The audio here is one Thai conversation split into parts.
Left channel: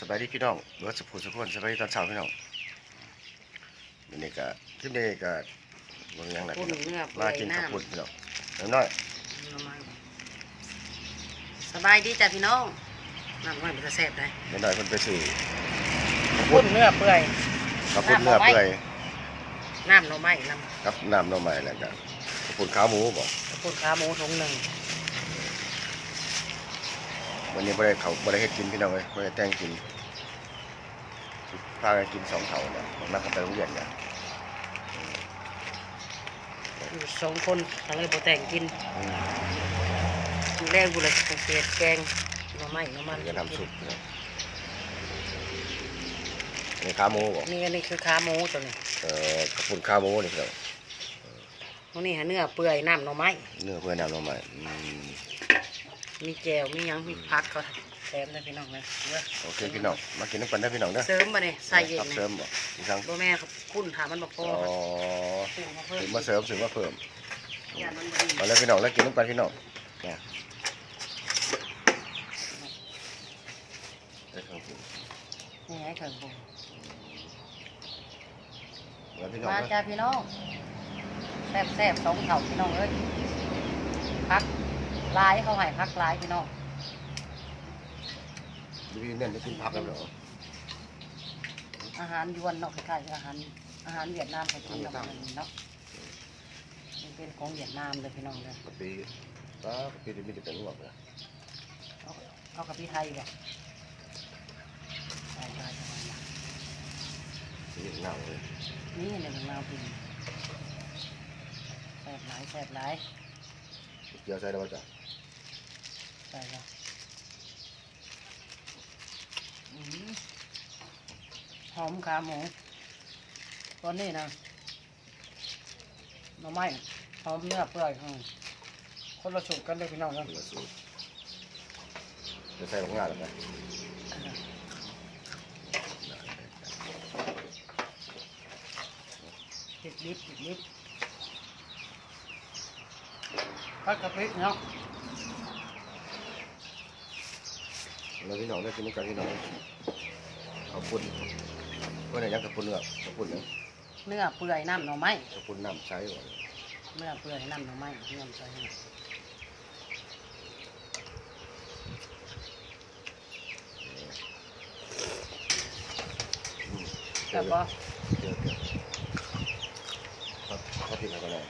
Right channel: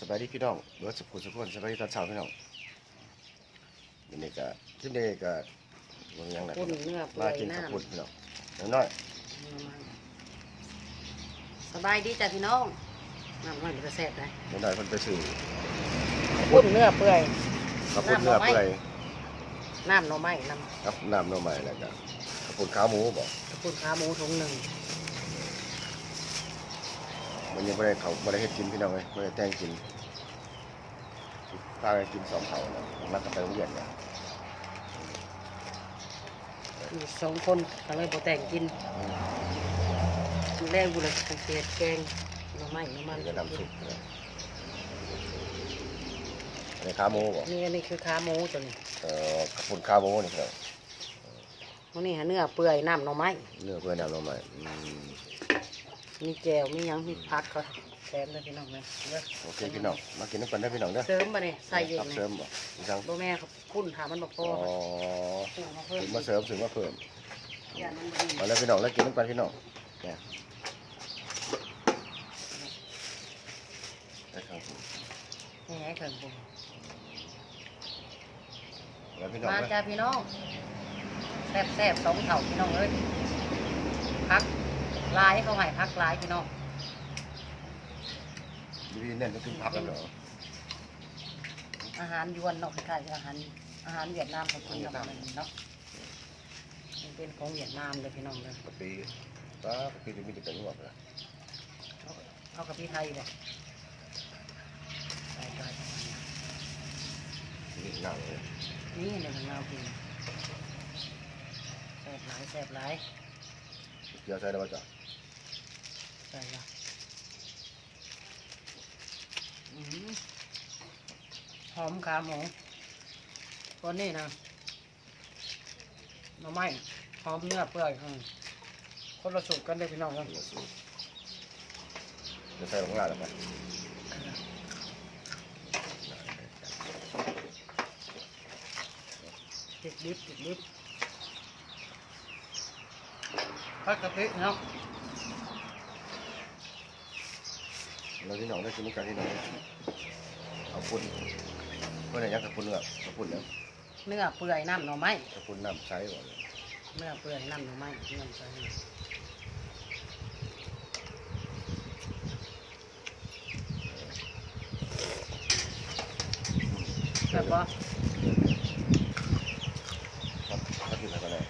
สบายดีพี่น้องเบิร์ดสุขุมสุขคนสบายดีตอนเช้าพี่น้องวันนี้ก็คลิปนี้ก็มันยังไงปุ่นพี่น้องเนื้อเปื่ลาอยกินข้าวน้ำปุ้นพี่น้องน้อยน้ำมันสบายดีจ้ะพี่น้องน้ำมันมันจะแซ่บเลยๆน้อยๆคนไปสู่ข้าวปุ่ปุ้นนเนื้อเปื่อยข้าวปุ้นเนื้อเปื่อยน้ำหน่อไม้น้ครับน้ำหน่อไม้แล้วก็ข้าวปุ้นขาหมูบอกำปุ่นขาหมูถุงหนึ่ง วันนี้ไม่ได้เขาไม่ได้เฮ็ดกินพี่น้องเลยไม่ได้แต่งกินพากันกินสองเขาเนี่ยนักกันไปโรงเรียนเนี่ยอยู่สองคนก็เลยบ่แต่งกินอืมกินแรกบุเลยสังเกตแกงหน่อไม้หน่อมันมันก็ทำซุปเนี่ยอันนี้ขาหมูบอกนี่อันนี้คือขาหมูตัวนี้เอ่อข้าวปุ้นขาหมูนี่พี่น้อง ตัวนี้หาเนื้อเปื่อยน้ำหน่อไม้เนื้อเพื่อนน้ำหน่อไม้อืม มีแจวมีหยังมีผักก็แถมเลยพี่น้องเลยเด้อโอเคพี่น้องมากินน้ำกันได้อพี่น้องเด้อเสริมมาเนี่ยใส่เองครับเนี่เสริยมบ่อีกครั้งบ่แม่ครับพุ่นถามมันบ่พอ๋ออครับพุ่นมาเพิ่มถึงมาเสริมถึงมาเพิ่มอย่ามันบ่ดีมาแล้วพี่น้องแล้วกินน้ำกันพี่น้องเนี่ยได้ครับผมนี่ไงถึงผมแล้วพี่น้องมาเด้อจ้าพี่น้องแซ่บแซ่บสองเถ่าพี่น้องเอ้ยพัก ลายเขาให้พักลายพี่น้องดีพี่เน้นไม่กินผักแล้วเหรออาหารยวนเนาะคล้ายๆอาหารอาหารเวียดนามเขากินเนาะมันเนาะมันเป็นของเวียดนามเลยพี่น้องเลยกะปิป้ากะปิจะมีแต่เป็นหัวเลยเอาเอากับพี่ไทยบ่ใช่ใช่ใช่นี่หนังเลยนี่ในของเราพี่แซ่บหลายแซ่บหลายเกี่ยวใส่ได้ป่ะจ๊ะ ใช่ละอืมหอมขาหมูตัวนี้นะหน่อไม้หอมเนื้อเปื่อยอืมคนละสูตรกันเลยพี่น้องนะเดี๋ยวสูจะใส่ลงงานแล้วกันติดลิฟติดลิฟพัดกะปิเนาะ แล้วพี่น้องได้กินน้ำกันพี่น้องข้าวปุ้นเพื่อนยังข้าวปุ้นเนื้อข้าวปุ้นเนื้อเนื้อเปื่อยน้ำหน่อไม้ข้าวปุ้นน้ำใช้ก่อนเนื้อเปื่อยน้ำหน่อไม้เนื้อใส่เนี่ยแต่ก็ครับถ้ากินอะไรก็ได้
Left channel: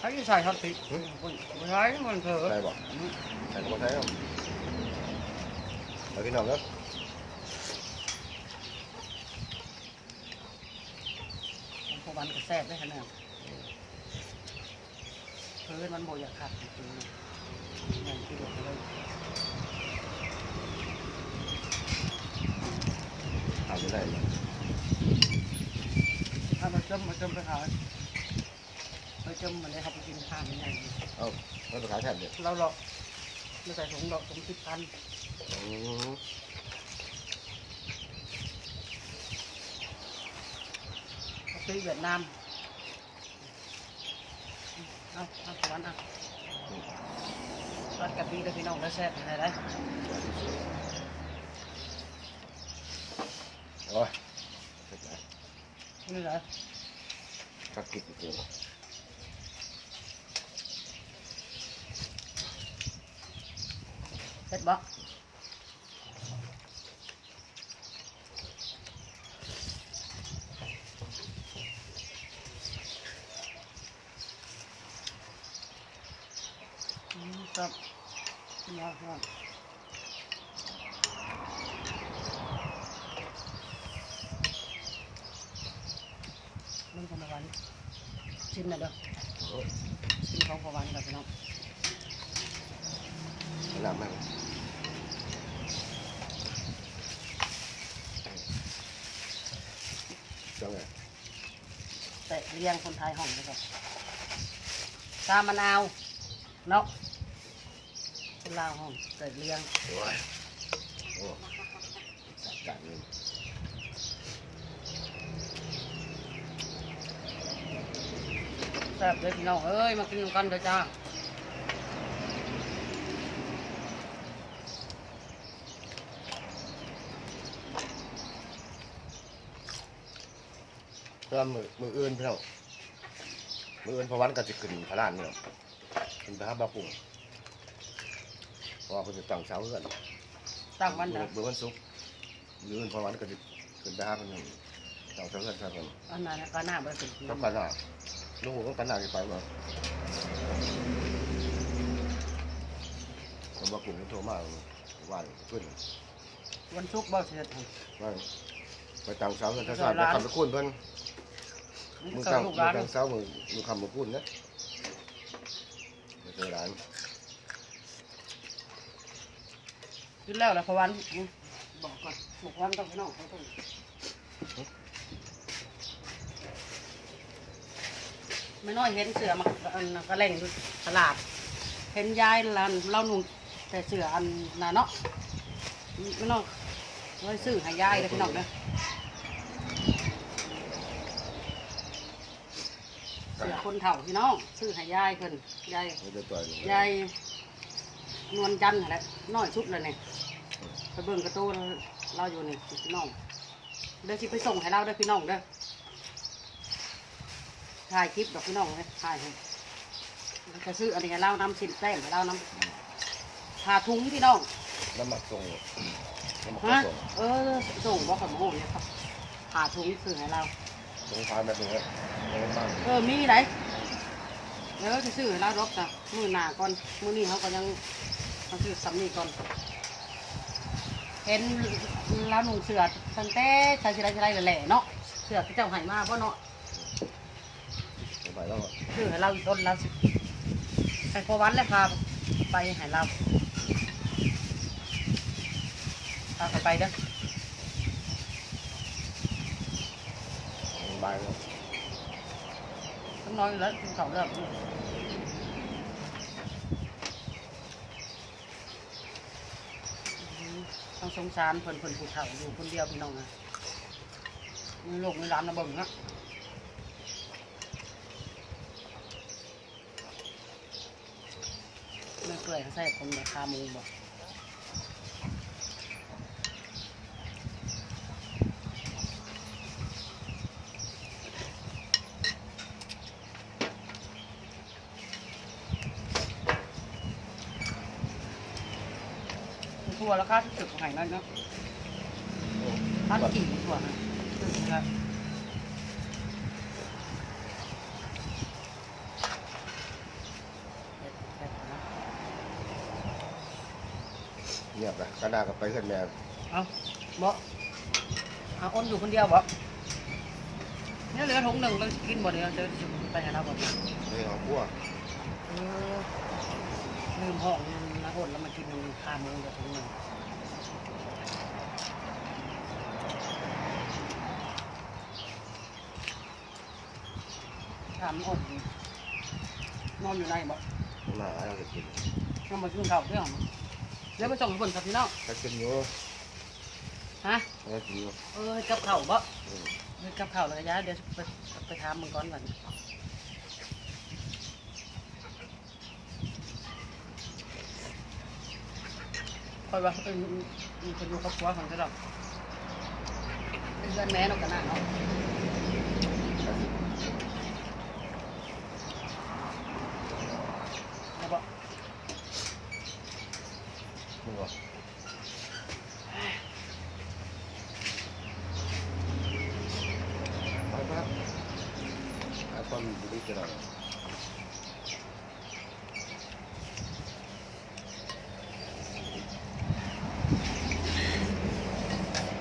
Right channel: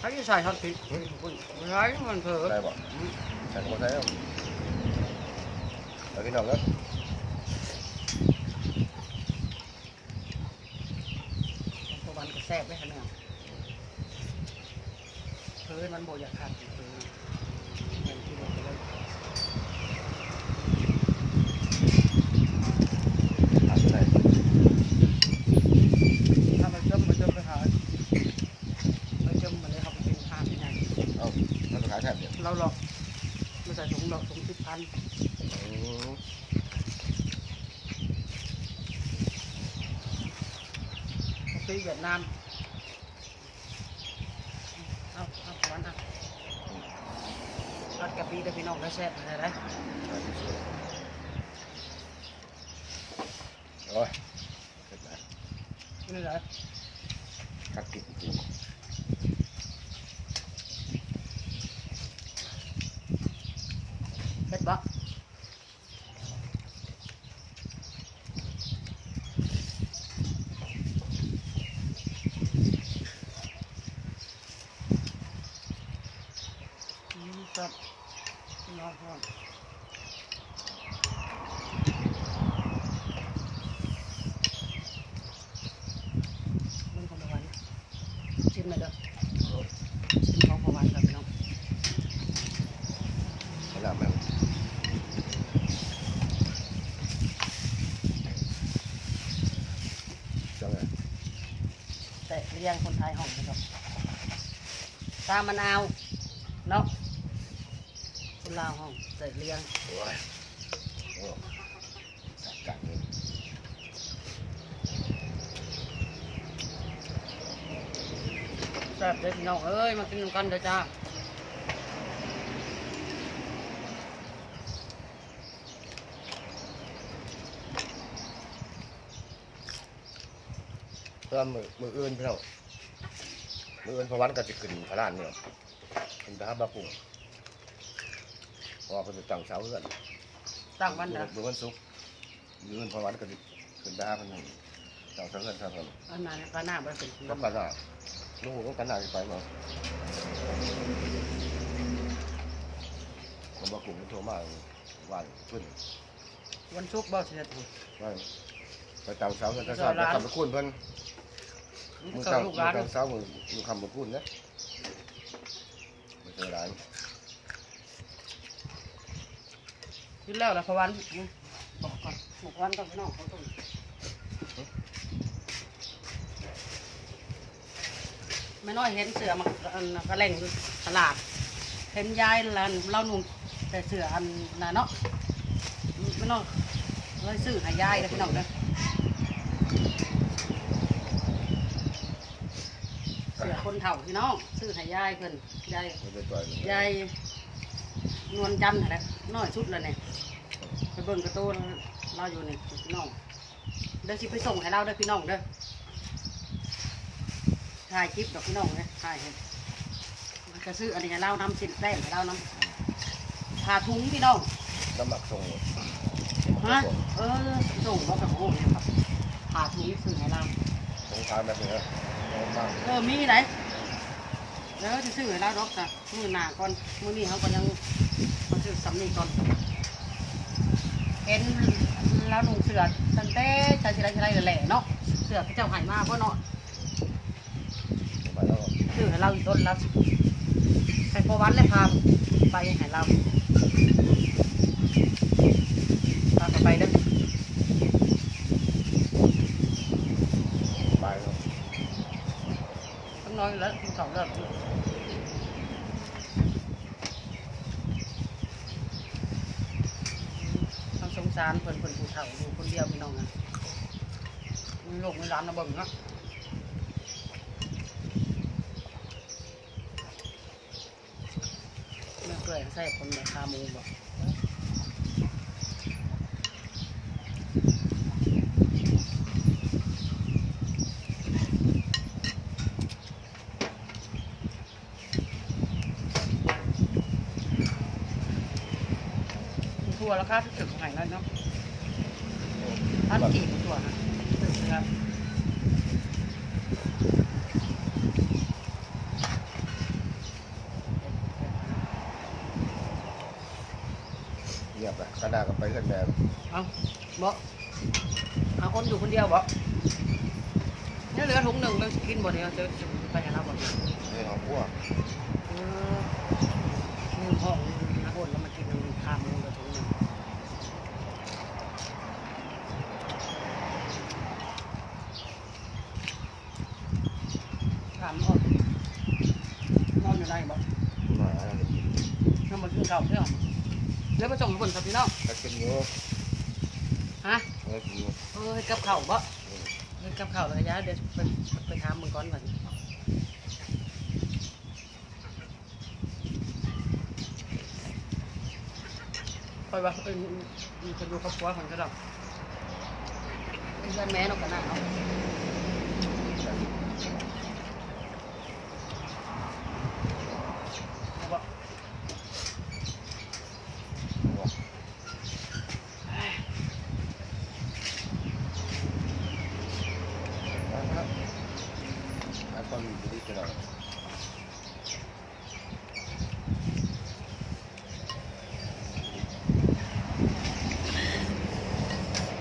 ถ้าจะใส่ช็อตผิดไม่ใช่มันเถอะได้บ่ใส่ก็บ่ใส่ เอาแล้วพี่น้องเด้อพวกมันก็แซ่บได้ขนาดเฮ้ยมันโบอยากขาดจริงๆนะเห็นที่บอกไปเลยทานจะได้ถ้าไปจมมาจมไปหาไปจมมาเลยครับไปกินข้าวยังไงเอ้าแล้วไปขายแทนเดียวเราหรอกไม่ใส่ถุงดอกถุงสิบพัน อืมซื้อเวียดนามเอาเอาสวรรค์เอารัดกับปีกับพี่น้องแล้วแซ่บอะไรไร โอ้ยเสร็จแล้ว นี่เหรอ ตัดติดจริง เป็ดบ่ อืมครับนอนนอนมันของประวันชิมหน่อยเด้อชิมของประวันครับพี่น้องมันน้ำไหมจังไงแต่เลี้ยงคนไทยห้องนะครับตามมะนาวเนาะ เป็ลาห้องใส่เรียงโอ้ยโอ้สักกันนี่แซ่บเด็ดน้องเอ้ยมากินกันเถอะจ้าเพื่อมือมืออื่นพี่น้องมืออื่นพวันก็จะขึ้นพระลานนี่หรอขึ้นพระบาปุ่ เพราะว่าเป็นตั้งเช้าเพื่อนตั้งวันมืนะอมือวันศุกร์มืออื่นเพราะวันก็จะขึ้นไปหาเพื่อนตั้งเช้าเพื่อนเช้าเพื่อนอันนั้นน่ะก็หน้าบ่เป็นก็กันหน้าลูกก็กันหน้าไปมาคนบาปุ่งก็โทรมาว่าขึ้นวันศุกร์บ่สิเฮ็ดให้ว่าไปตั้งเช้าเพื่อนเช้าเช้าไปทำไปคุ้นเพื่อนมันมือก็เช้าลูมืกหลานอเช้ามือมือคำมือคุ้นนะไม่เจอร้าน กินแล้วล่ะเพราะวันบอกก่อนบอกวันต้องไปน้องเขาต้องไม่น้อยเห็นเสือมาอันก็เล่นอยู่ตลาด เห็นยายแล้วเรานุ่งแต่เสืออันน่ะเนาะไม่น้องเลยซื้อให้ยายเลยพี่น้องเด้อเสือคนเฒ่าพี่น้องซื้อให้ยายเพิ่นยายไม่ได้ต่อยยายนวลจันทร์อะไรน้อยสุดเลยเนี่ยไป เบิ่งกระตูนเราอยู่นี่พี่น้องเดี๋ยวสิไปส่งให้เราเด้อพี่น้องเด้อถ่ายคลิปดอกพี่น้องเลยถ่ายให้แล้วจะซื้ออันนี้ให้เรานำสินแป้งให้เรานำผ่าถุงพี่น้องน้ำหมักส่งฮะเออส่งบอกกับโอ้เนี่ยครับผ่าถุงซื้อให้เราส่งขายแบบนี้ครับบ้างเออมีไหนเดี๋ยวจะซื้อให้เราดอกจ้ะมือหน้าก่อนมือนี้เขาก็ยังมาซื้อสำนีก่อน เห็นเราหนุ่งเสือตั้งแต่ชายชายชายแหล่เนาะเสือที่เจ้าใหายมาเพราะเนาะไปแล้วซื้อให้เราอีกต้นเราสิไปพอวันแล้วพาไปให้เราพาเขาไปเด้อไปแล้วต้องน้อยอยู่แล้วกินของเริ่มต้อง สามคนคนผู้เฒ่าอยู่คนเดียวพี่น้องนะมีลูกมีหลานมาเบิ่งนะเมื่อเปื่อยใส่คนแบบคามูบอก ทั่วแล้วค่าที่ตึกของไหนน้อยเนาะพันกี่ทั่วนะตึกนะครับเงียบไปกระดาษก็ไปขึ้นแม่เอาบ่เอาคนอยู่คนเดียวบ่เนี่ยเหลือถุงหนึ่งเราจะกินบ่เดียวจะไปให้เราบ่เนี่ยในห้องครัวเออลืมห้อง นะคนแล้วมากินน้ำข้ามมือกับถุงหนึ่งถามนอนนอนอยู่ไหนบ่มาเราจะกินน้ำมาซื้อข้าวเพื่อนเดี๋ยวไปส่งคนกับพี่น้องถ้ากินอยู่ฮะถ้ากินอยู่เออกับข้าวบ่เออกับข้าวแล้วก็ยาเดี๋ยวไปไปถามมึงก่อนก่อน คอยว่าเออมีคนอยู่ครอบครัวของเจ้าดอกเพื่อนแม่เนากันนะเนาะถ้ากินแล้วบ่บ่ไปครับไอ้คนบุรีจะได้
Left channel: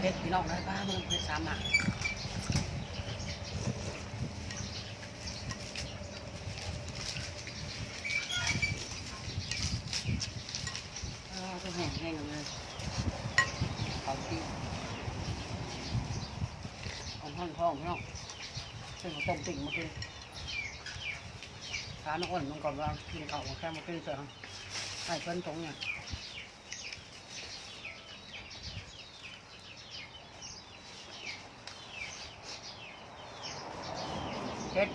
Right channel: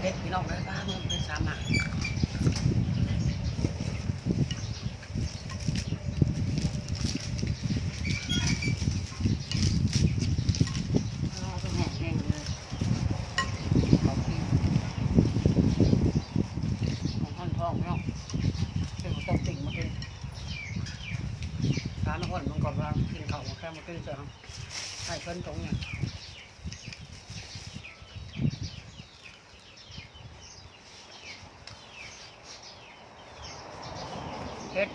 เฮ็ดพี่ น้องได้บ้างมันเป็นสามหาเอเอาแห้งแห้งกันเลยของพี่ของท่อนทองพี่น้องซึ่งเขาต้มติ่งมาคือทานน้อ้นมันก่อนว่ากินข้าวมาแค่มาตื้อเสือให้เพิ่นตรงเนี่ย เฮ็ด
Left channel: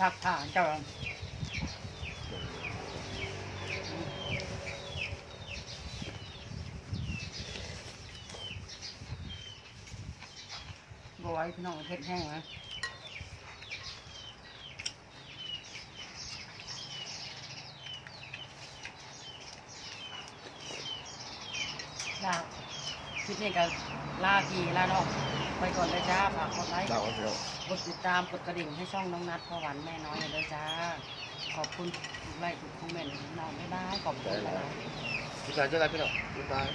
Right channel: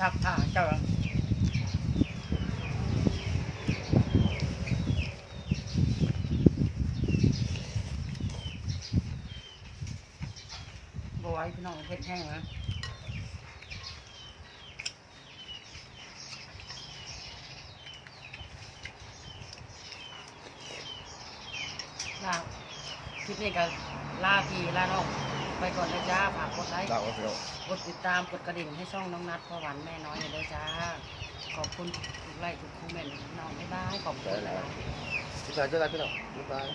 พักผ่าเจ้าบอยพี่น้องเพชรแห้งนะลาคลิปนี้ก็ลาพี่ลาน้องไปก่อนเลยจ้าฝากกดไลค์เล่าให้พี่น้อง กดติดตามกดกระดิ่งให้ช่องน้องนัดพ่อหวานแม่น้อยเลยด้วยจ้า ขอบคุณทุกไลค์ทุกคอมเมนต์น้องบ๊ายบายขอบคุณหลายๆ พี่ชายเจอกันพี่น้อบ๊ายบาย